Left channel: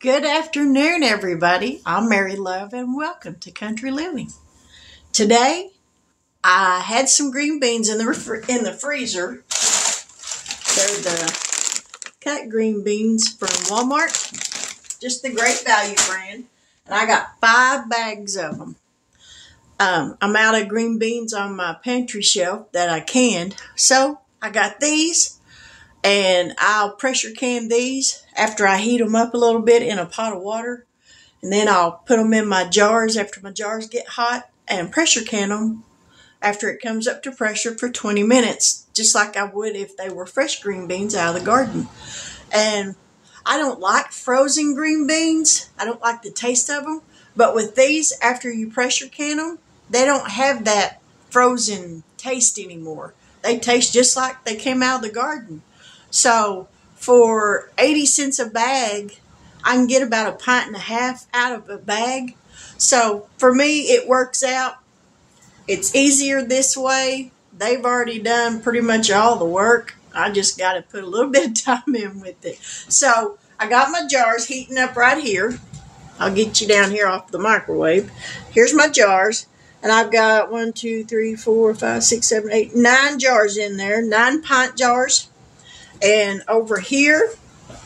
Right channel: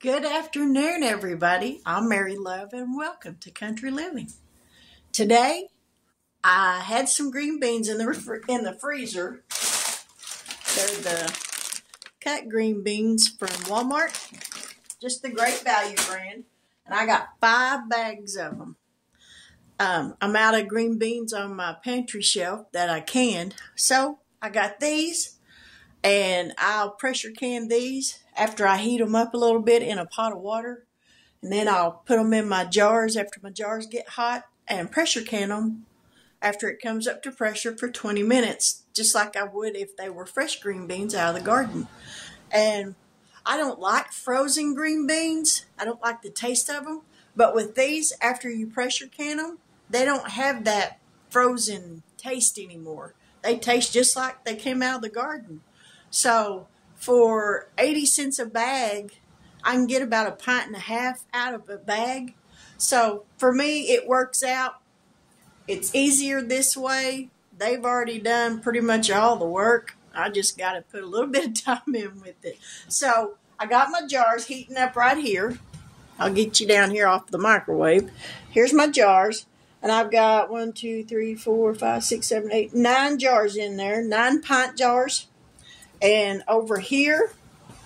Good afternoon, everybody. I'm Mary Love, and welcome to Country Living. Today, I had some green beans in the freezer. They're the cut green beans from Walmart, just the Great Value brand, and I got 5 bags of them. I'm out of green beans on my pantry shelf that I canned, so I got these. And I'll pressure can these after I heat them up a little bit in a pot of water. And then I'll put them in my jars after my jars get hot and pressure can them after it comes up to pressure for 20 minutes, just like I would if they were fresh green beans out of the garden. And I don't like frozen green beans. I don't like the taste of them. But with these, after you pressure can them, they don't have that frozen taste anymore. They taste just like they came out of the garden. So for 80 cents a bag, I can get about 1.5 pints out of a bag. So for me, it works out. It's easier this way. They've already done pretty much all the work. I just got to put a little bit of time in with it. So I got my jars heating up right here. I'll get you down here off the microwave. Here's my jars. And I've got 1, 2, 3, 4, 5, 6, 7, 8, 9 jars in there. 9-pint jars. And over here,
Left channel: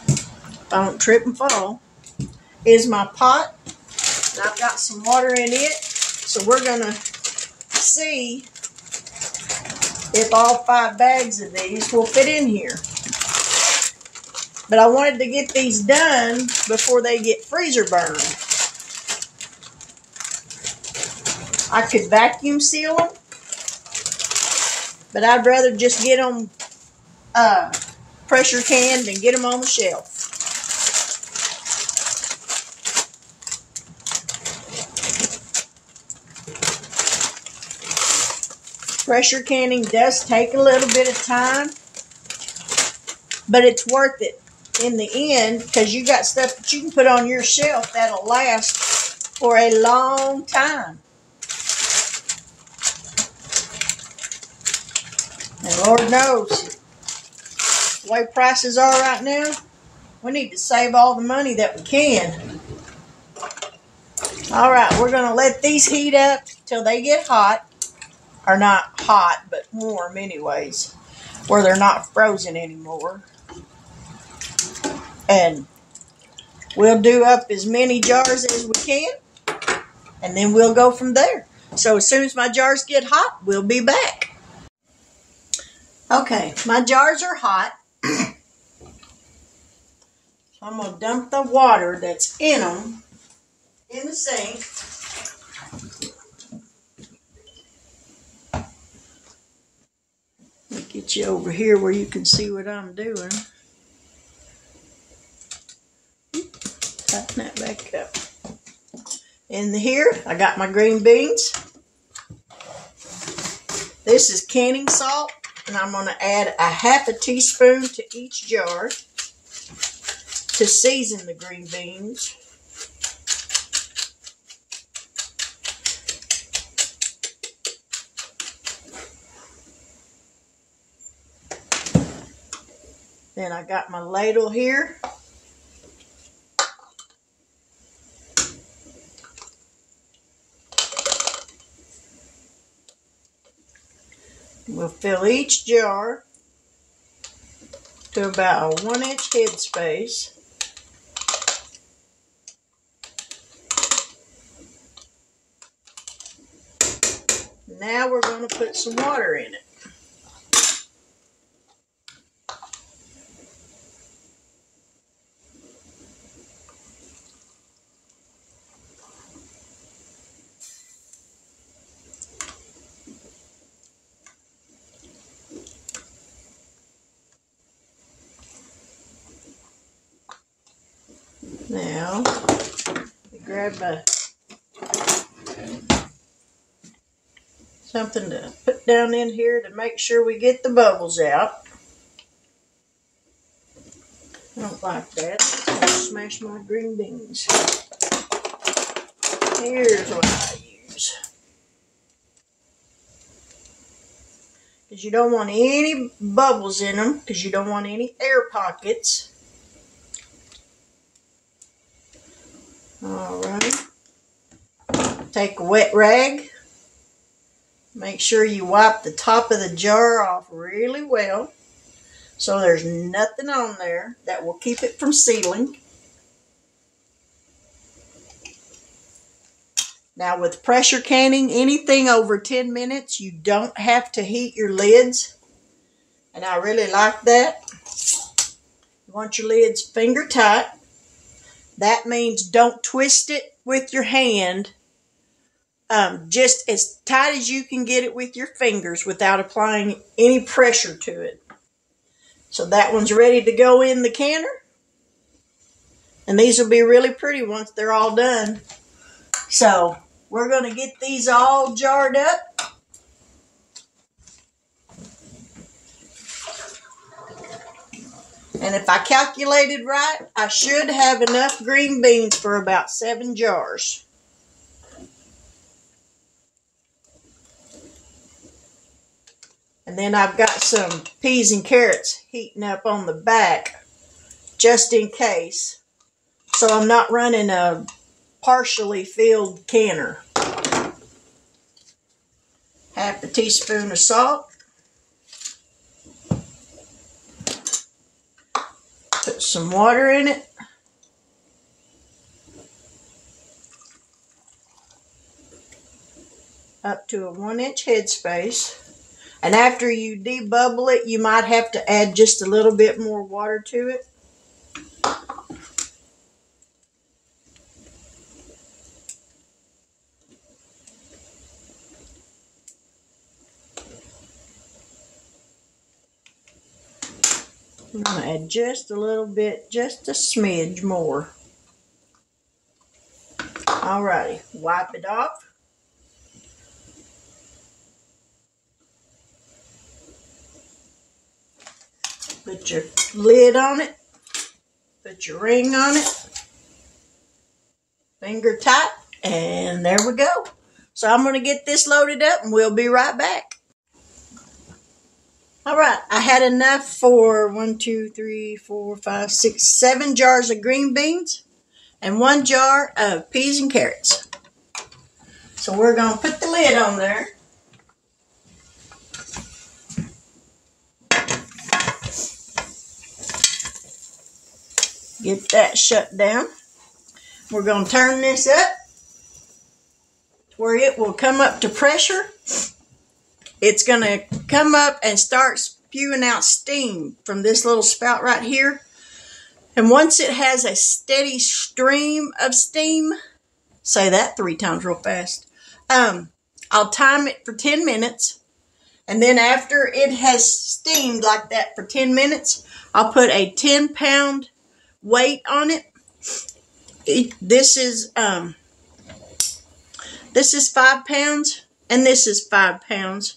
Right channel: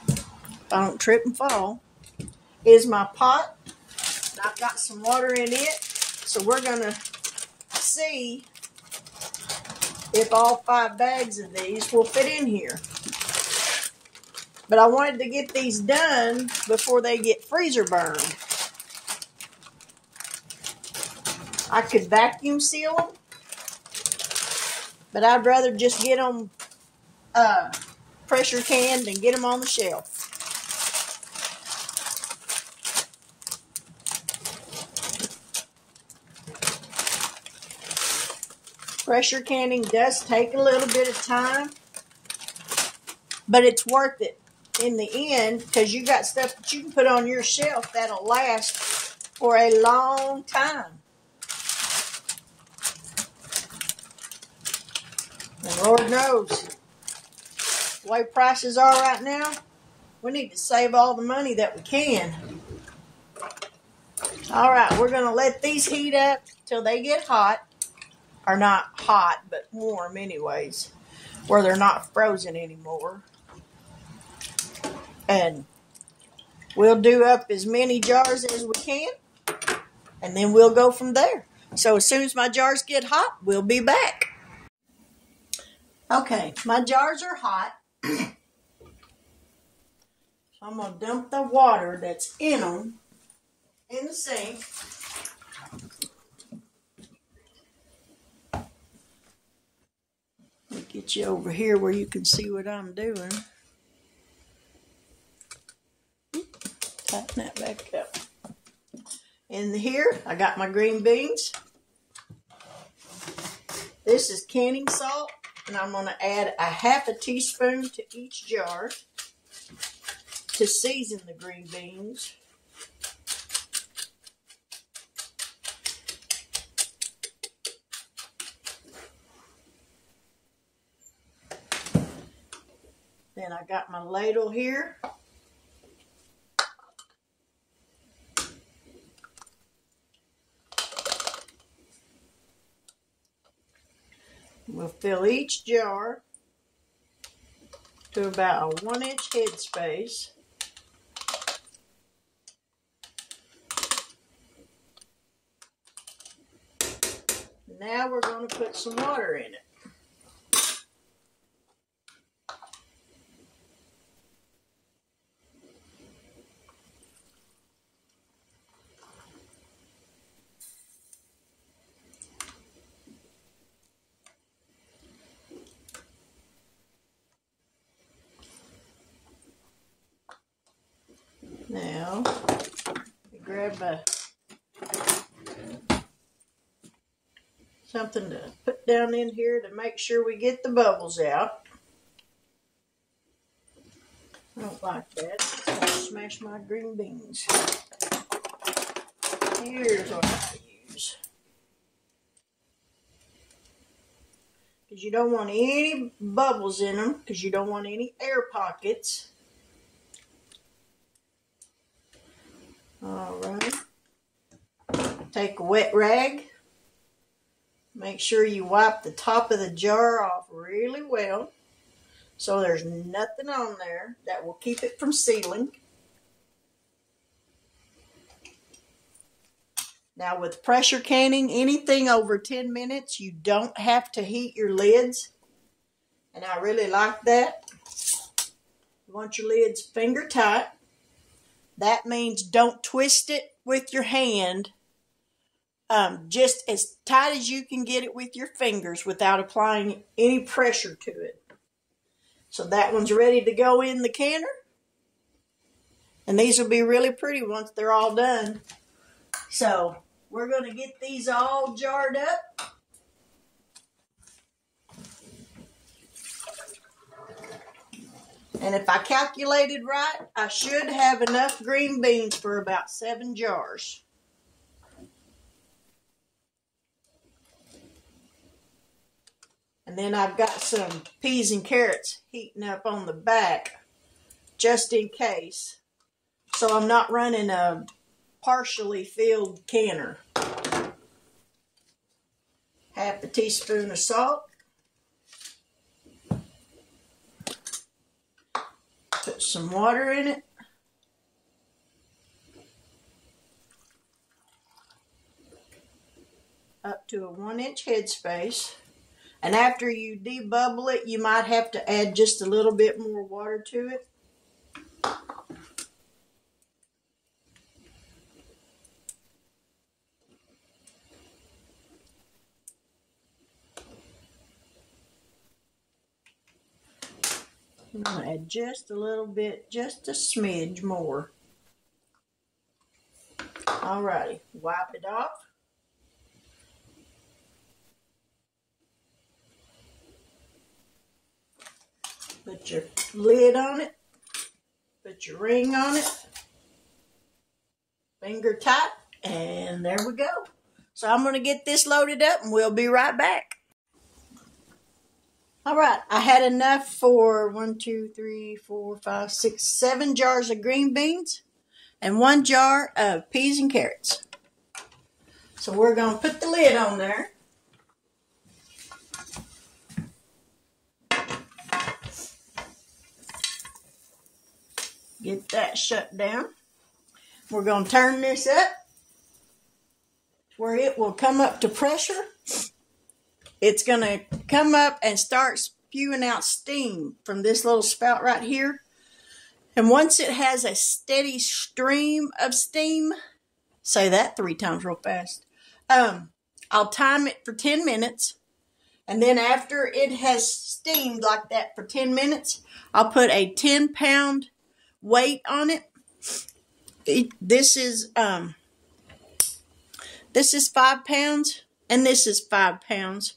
if I don't trip and fall, is my pot. And I've got some water in it. So we're going to see if all 5 bags of these will fit in here. But I wanted to get these done before they get freezer burned. I could vacuum seal them, but I'd rather just get them pressure canned and get them on the shelf. Pressure canning does take a little bit of time, but it's worth it in the end because you got stuff that you can put on your shelf that'll last for a long time. And Lord knows, the way prices are right now, we need to save all the money that we can. All right, we're going to let these heat up till they get hot. Or not hot, but warm anyways, where they're not frozen anymore. And we'll do up as many jars as we can, and then we'll go from there. So as soon as my jars get hot, we'll be back. Okay, my jars are hot. I'm going to dump the water that's in them in the sink. Get you over here where you can see what I'm doing. Tighten that back up. In here, I got my green beans. This is canning salt, and I'm going to add 1/2 teaspoon to each jar to season the green beans. Then I got my ladle here. We'll fill each jar to about a 1-inch head space. Now we're going to put some water in it. Now, grab something to put down in here to make sure we get the bubbles out. I don't like that. It's going to smash my green beans. Here's what I use. Because you don't want any bubbles in them, because you don't want any air pockets. All right. Take a wet rag. Make sure you wipe the top of the jar off really well so there's nothing on there that will keep it from sealing. Now with pressure canning, anything over 10 minutes, you don't have to heat your lids. And I really like that. You want your lids finger tight. That means don't twist it with your hand. Just as tight as you can get it with your fingers without applying any pressure to it. So that one's ready to go in the canner. And these will be really pretty once they're all done. So we're going to get these all jarred up. And if I calculated right, I should have enough green beans for about 7 jars. And then I've got some peas and carrots heating up on the back, just in case. So I'm not running a partially filled canner. Half a teaspoon of salt. Put some water in it. Up to a 1-inch headspace. And after you debubble it, you might have to add just a little bit more water to it. I'm going to add just a little bit, just a smidge more. Alrighty, wipe it off. Put your lid on it. Put your ring on it. Finger tight. And there we go. So I'm going to get this loaded up and we'll be right back. All right. I had enough for 1, 2, 3, 4, 5, 6, 7 jars of green beans and 1 jar of peas and carrots. So we're going to put the lid on there. Get that shut down. We're going to turn this up to where it will come up to pressure. It's going to come up and start spewing out steam from this little spout right here. And once it has a steady stream of steam, say that 3 times real fast, I'll time it for 10 minutes. And then after it has steamed like that for 10 minutes, I'll put a 10-pound weight on it. This is 5 pounds and this is 5 pounds.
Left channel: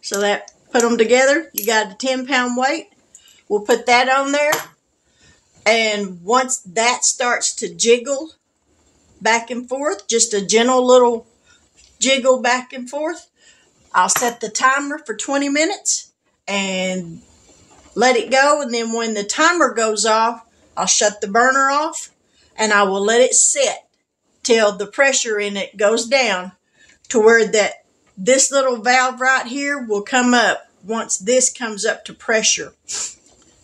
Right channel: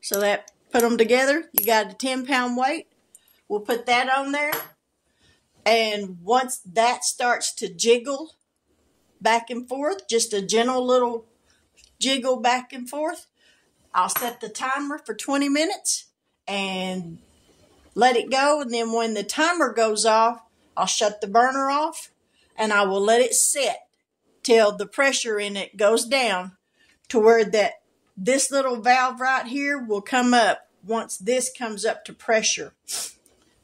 So that, put them together, you got a 10-pound weight. We'll put that on there. And once that starts to jiggle back and forth, just a gentle little jiggle back and forth, I'll set the timer for 20 minutes and let it go. And then when the timer goes off, I'll shut the burner off and I will let it set till the pressure in it goes down to where this little valve right here will come up once this comes up to pressure.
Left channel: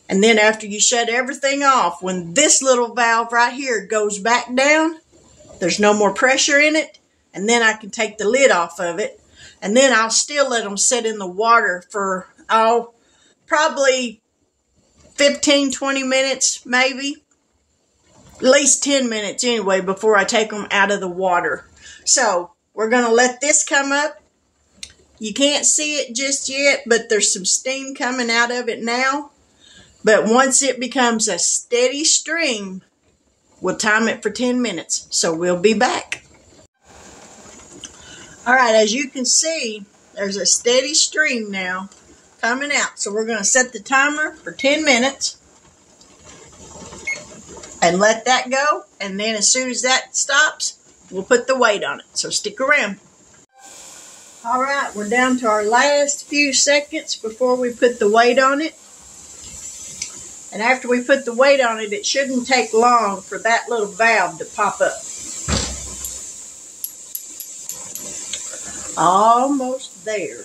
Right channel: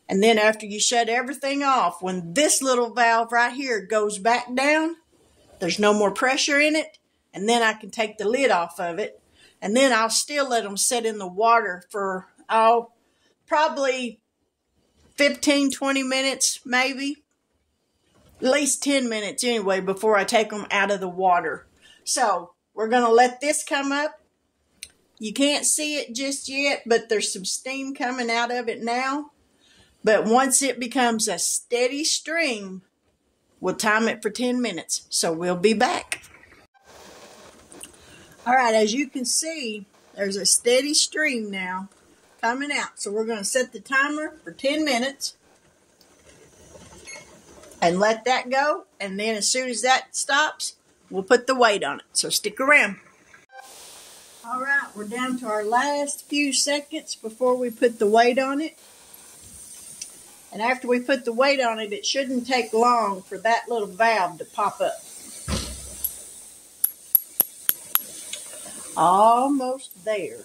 And then after you shut everything off, when this little valve right here goes back down, there's no more pressure in it. And then I can take the lid off of it. And then I'll still let them sit in the water for, probably 15, 20 minutes, maybe. At least 10 minutes anyway before I take them out of the water. So we're going to let this come up. You can't see it just yet, but there's some steam coming out of it now. But once it becomes a steady stream, we'll time it for 10 minutes. So we'll be back. All right, as you can see, there's a steady stream now coming out. So we're going to set the timer for 10 minutes and let that go. And then as soon as that stops, we'll put the weight on it. So stick around. All right, we're down to our last few seconds before we put the weight on it. And after we put the weight on it, it shouldn't take long for that little valve to pop up. Almost there.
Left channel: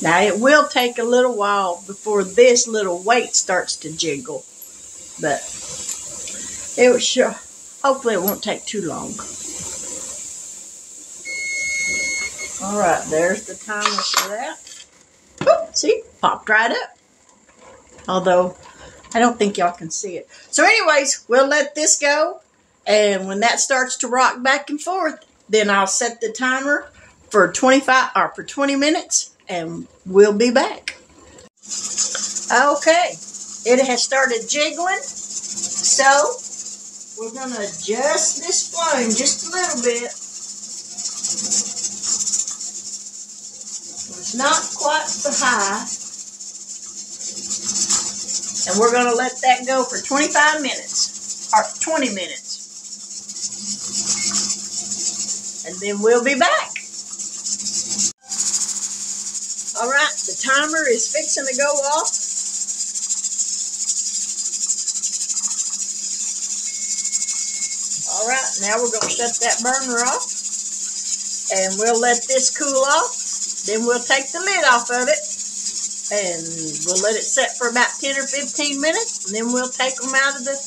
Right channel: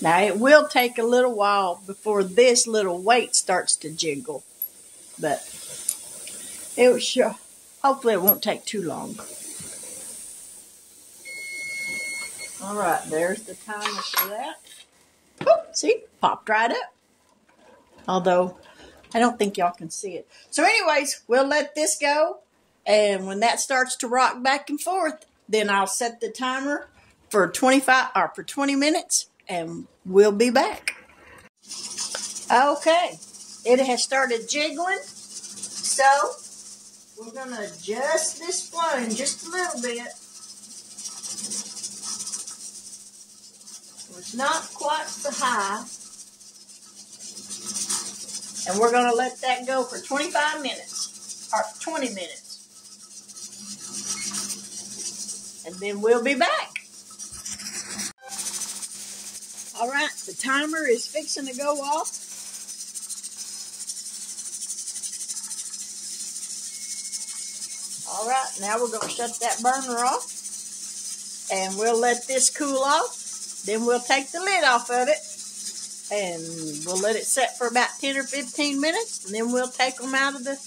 Now it will take a little while before this little weight starts to jiggle, but it was sure. Hopefully it won't take too long. All right, there's the timer for that. Oh, see, popped right up. Although I don't think y'all can see it. So anyways, we'll let this go, and when that starts to rock back and forth, then I'll set the timer for 20 minutes. And we'll be back. Okay, it has started jiggling, so we're going to adjust this flame just a little bit. It's not quite so high. And we're going to let that go for 25 minutes, or 20 minutes. And then we'll be back. All right, the timer is fixing to go off. All right, now we're going to shut that burner off. And we'll let this cool off. Then we'll take the lid off of it. And we'll let it set for about 10 or 15 minutes. And then we'll take them out of the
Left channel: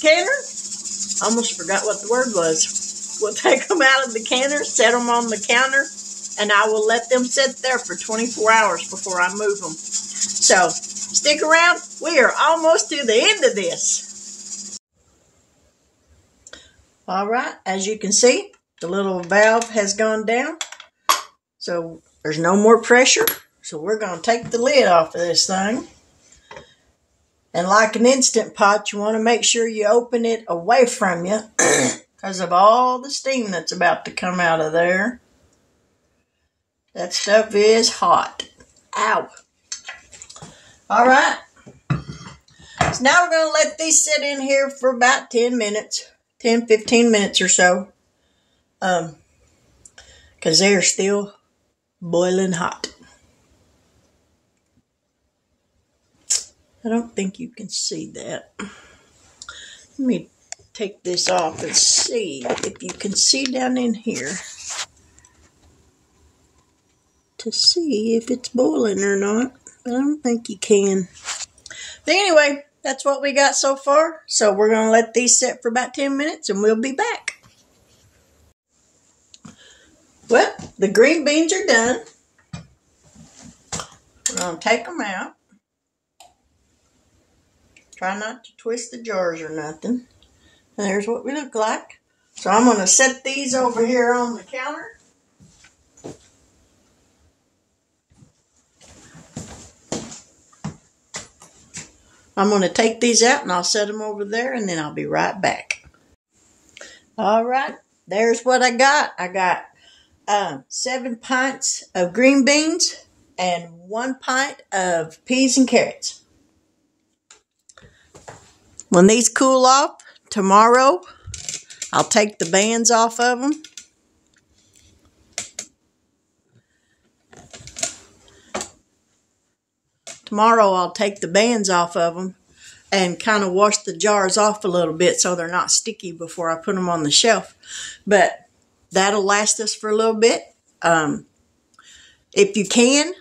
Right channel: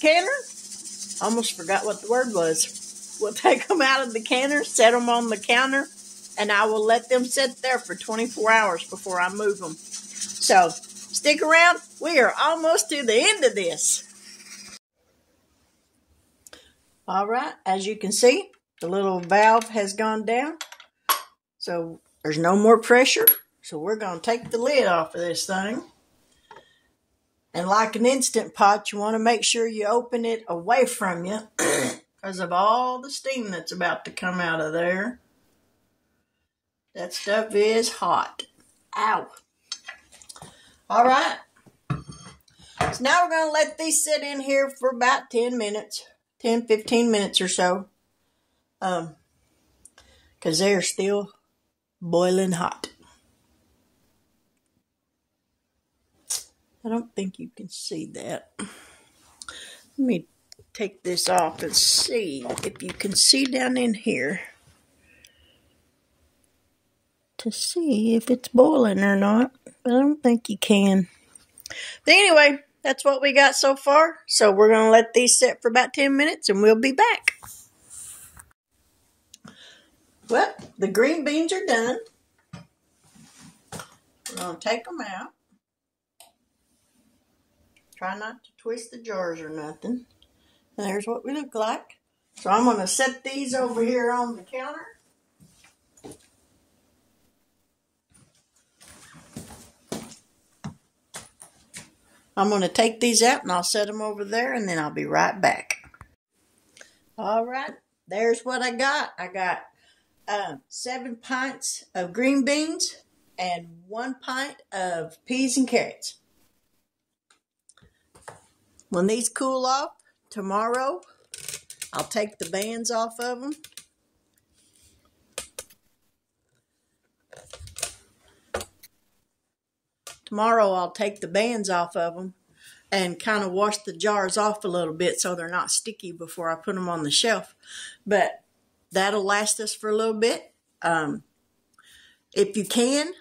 canner. Almost forgot what the word was. We'll take them out of the canner, set them on the counter. And I will let them sit there for 24 hours before I move them. So, stick around. We are almost to the end of this. All right, as you can see, the little valve has gone down. So, there's no more pressure. So, we're going to take the lid off of this thing. And like an Instant Pot, you want to make sure you open it away from you because of all the steam that's about to come out of there. That stuff is hot. Ow. All right. So now we're going to let these sit in here for about 10 minutes. 10, 15 minutes or so. Because they're still boiling hot. I don't think you can see that. Let me take this off and see if you can see down in here. To see if it's boiling or not. I don't think you can. But anyway, that's what we got so far. So we're going to let these sit for about 10 minutes and we'll be back. Well, the green beans are done. We're going to take them out. Try not to twist the jars or nothing. And there's what we look like. So I'm going to set these over here on the counter. I'm going to take these out and I'll set them over there and then I'll be right back. All right, there's what I got. I got 7 pints of green beans and 1 pint of peas and carrots. When these cool off tomorrow, I'll take the bands off of them. Tomorrow I'll take the bands off of them and kind of wash the jars off a little bit so they're not sticky before I put them on the shelf. But that'll last us for a little bit. If you can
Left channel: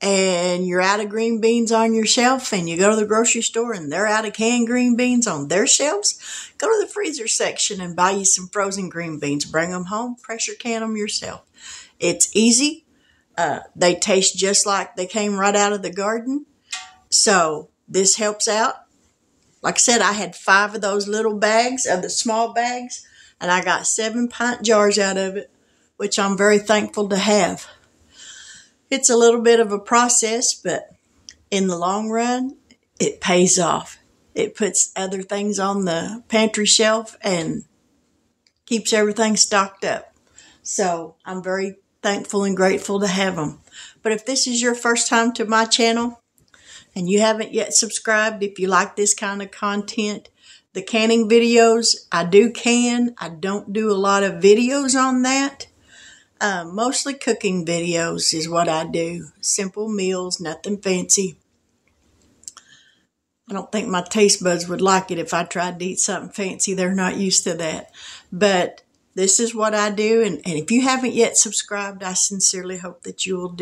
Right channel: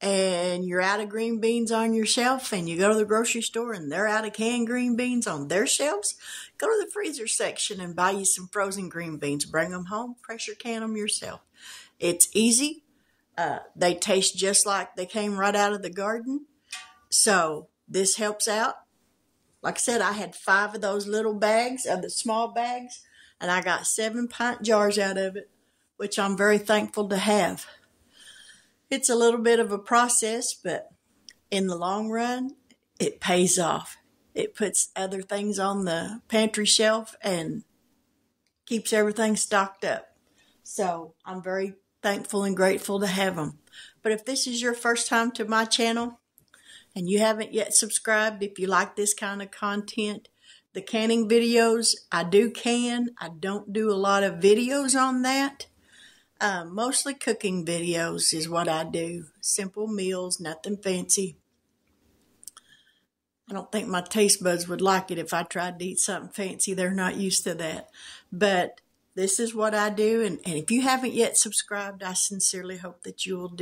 and you're out of green beans on your shelf and you go to the grocery store and they're out of canned green beans on their shelves, go to the freezer section and buy you some frozen green beans. Bring them home, pressure can them yourself. It's easy. They taste just like they came right out of the garden. So this helps out. Like I said, I had 5 of those little bags, of the small bags, and I got 7 pint jars out of it, which I'm very thankful to have. It's a little bit of a process, but in the long run, it pays off. It puts other things on the pantry shelf and keeps everything stocked up. So I'm very thankful and grateful to have them. But if this is your first time to my channel and you haven't yet subscribed, if you like this kind of content, the canning videos, I do can. I don't do a lot of videos on that. Mostly cooking videos is what I do. Simple meals, nothing fancy. I don't think my taste buds would like it if I tried to eat something fancy. They're not used to that. But this is what I do. And if you haven't yet subscribed, I sincerely hope that you will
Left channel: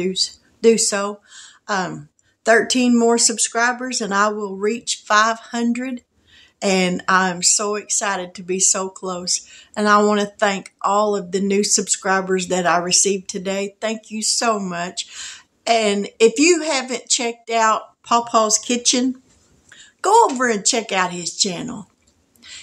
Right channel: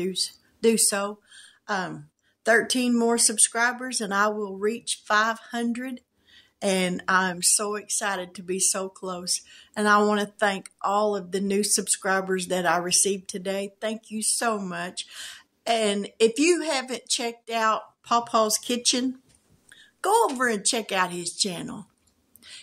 do so. 13 more subscribers and I will reach 500. And I'm so excited to be so close. And I want to thank all of the new subscribers that I received today. Thank you so much. And if you haven't checked out Pawpaw's Kitchen, go over and check out his channel.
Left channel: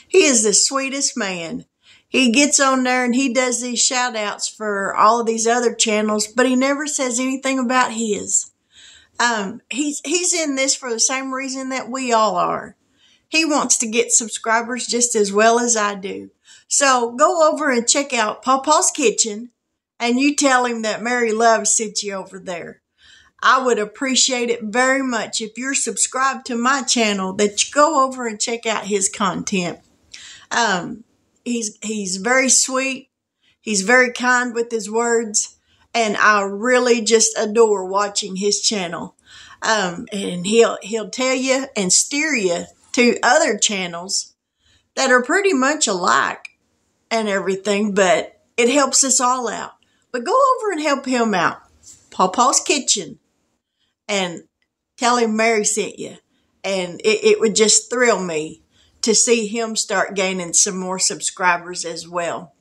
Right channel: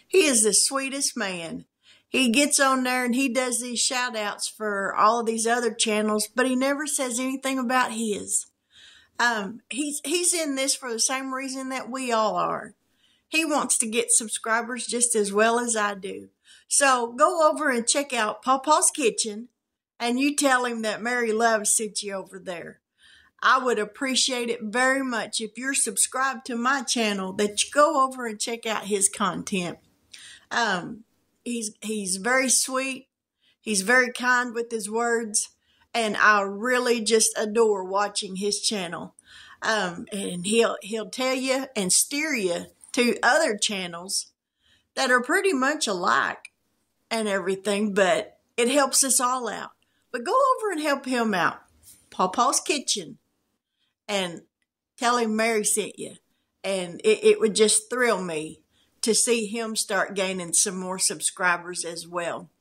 He is the sweetest man. He gets on there and he does these shout outs for all of these other channels, but he never says anything about his. He's in this for the same reason that we all are. He wants to get subscribers just as well as I do. So go over and check out Pawpaw's Kitchen and you tell him that Mary Love sent you over there. I would appreciate it very much if you're subscribed to my channel that you go over and check out his content. He's very sweet. He's very kind with his words. And I really just adore watching his channel. And he'll tell you and steer you to other channels that are pretty much alike and everything, but it helps us all out. But go over and help him out. Pawpaw's Kitchen. And tell him Mary sent you. And it would just thrill me to see him start gaining some more subscribers as well.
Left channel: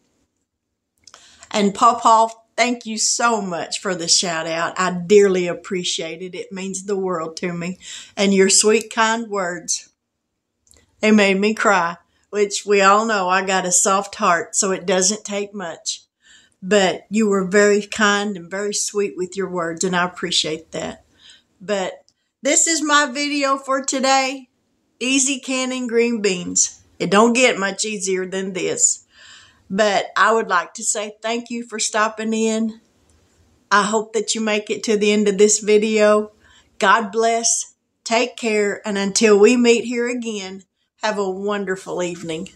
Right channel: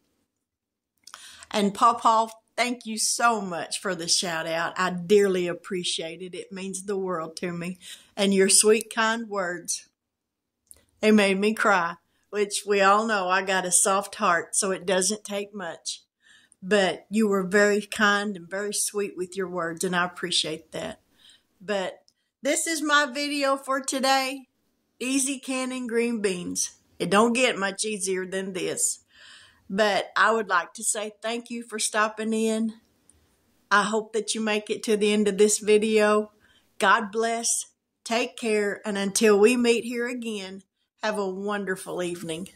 And Pawpaw, thank you so much for the shout out. I dearly appreciate it. It means the world to me. And your sweet, kind words. They made me cry, which we all know I got a soft heart, so it doesn't take much. But you were very kind and very sweet with your words, and I appreciate that. But this is my video for today. Easy canning green beans. It don't get much easier than this. But I would like to say thank you for stopping in. I hope that you make it to the end of this video. God bless. Take care. And until we meet here again, have a wonderful evening.